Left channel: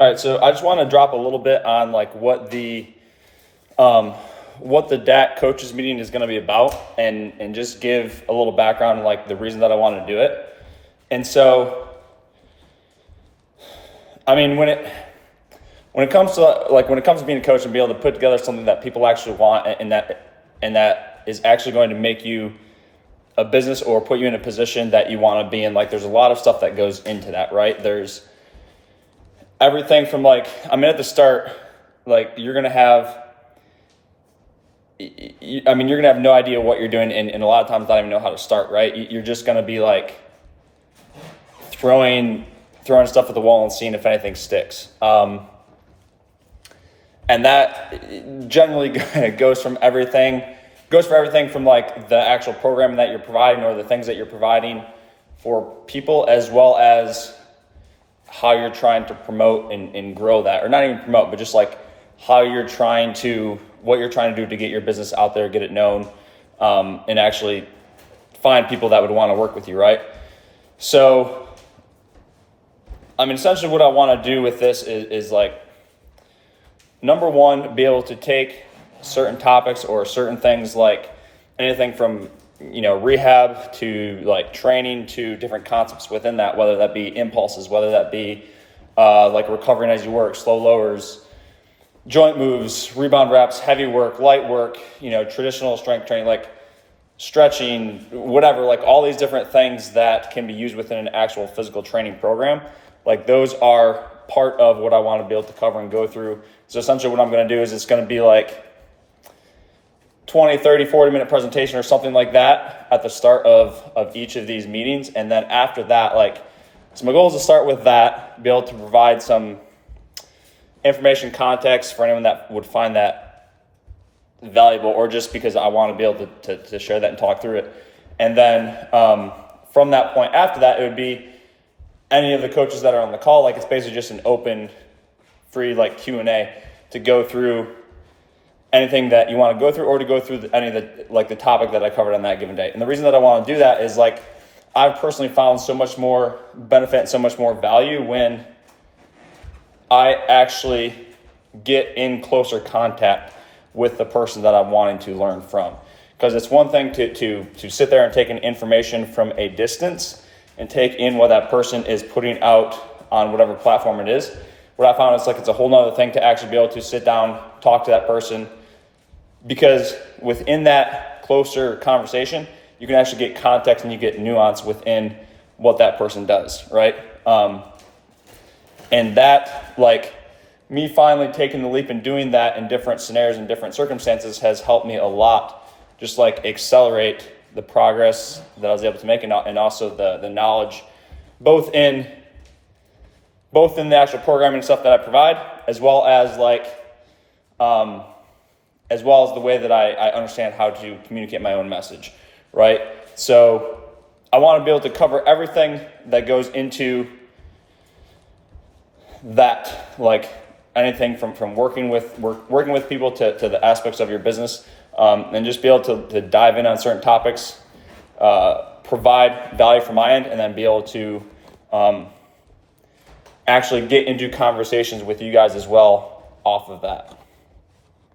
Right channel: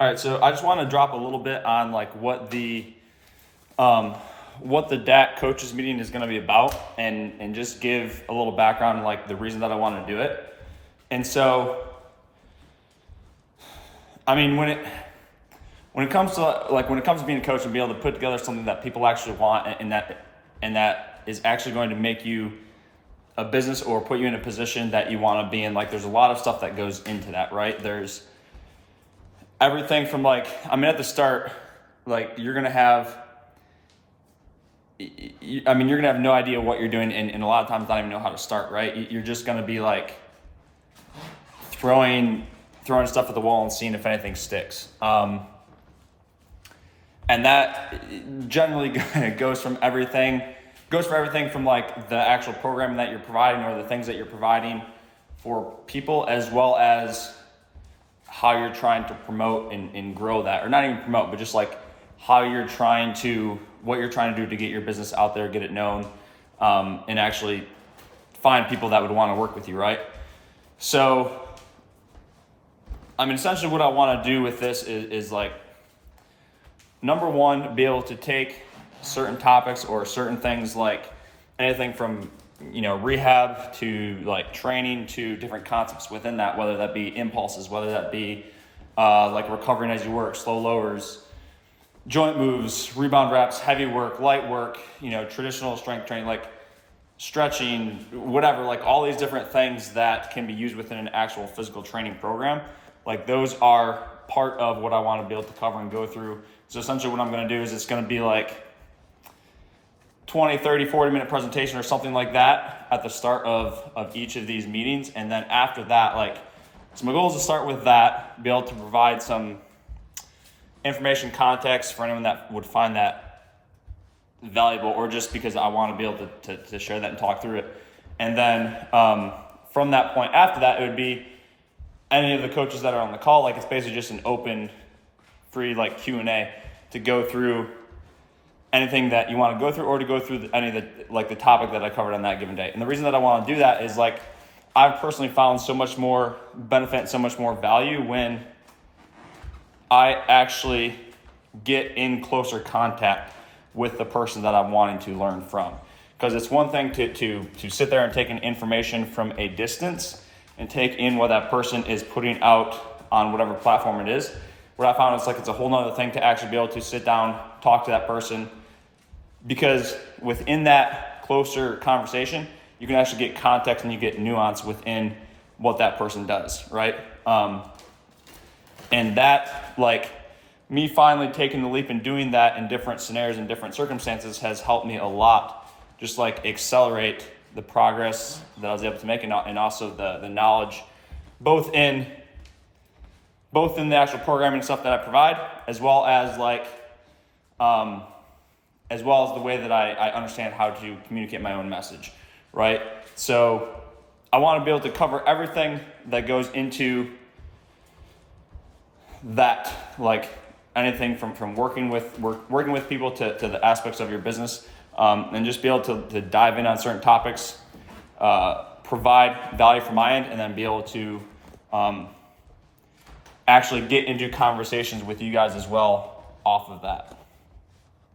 All right, so I just want to drop a little bit on like what the DAC coaches meeting is going to be about, and just give a little background, like the reason that I want to do it. And so, I mean, when it comes to being a coach and be able to put together something that people actually want, and that is actually going to make you a business or put you in a position that you want to be in, like there's a lot of stuff that goes into that, right? There's everything from like, I mean, at the start, like you're gonna have no idea what you're doing, and a lot of times not even know how to start, right? You're just gonna be like throwing stuff at the wall and seeing if anything sticks. And that generally goes for everything from like the actual programming that you're providing, or the things that you're providing for people, as well as how you're trying to promote and grow that, or not even promote, but just like what you're trying to do to get your business out there, get it known, and actually find people that would want to work with you, right? So, I mean, essentially what I want to do with this is like, number one, be able to take certain topics or certain things, like anything from, rehab to like training, to different concepts within that, whether that be impulses, whether that be like recovering as you work, slow lowers, joint moves, rebound reps, heavy work, light work, traditional strength training, like stretching, whatever, like all these different things that can be used within an actual physical training program. Like those are part of what I want to be able to cover and go through. So essentially what I'm going to do is it's going to be like 20, 30, 40-minute presentation or something like that at the start of each of these meetings. And then after that, so my goal is to start with that, be able to provide some information, context for anyone that would find that valuable, or just because I want to be able to share that and talk through it. And then from that point after that, it would be any of the coaches that are on the call, like it's basically just an open, free like Q&A to go through anything that you want to go through, or to go through any of the topic that I covered on that given day. And the reason that I want to do that is like, I've personally found so much more benefit and so much more value when I actually get in closer contact with the person that I'm wanting to learn from. Because it's one thing to sit there and take in information from a distance and take in what that person is putting out on whatever platform it is. What I found is like, it's a whole nother thing to actually be able to sit down, talk to that person, because within that closer conversation, you can actually get context and you get nuance within what that person does, right? And that, like, me finally taking the leap and doing that in different scenarios and different circumstances has helped me a lot, just like accelerate the progress that I was able to make, and also the knowledge, both in the actual programming stuff that I provide, as well as the way that I understand how to communicate my own message, right? So I want to be able to cover everything that goes into that, like anything from working with people to the aspects of your business, and just be able to dive in on certain topics, provide value from my end, and then be able to actually get into conversations with you guys as well off of that.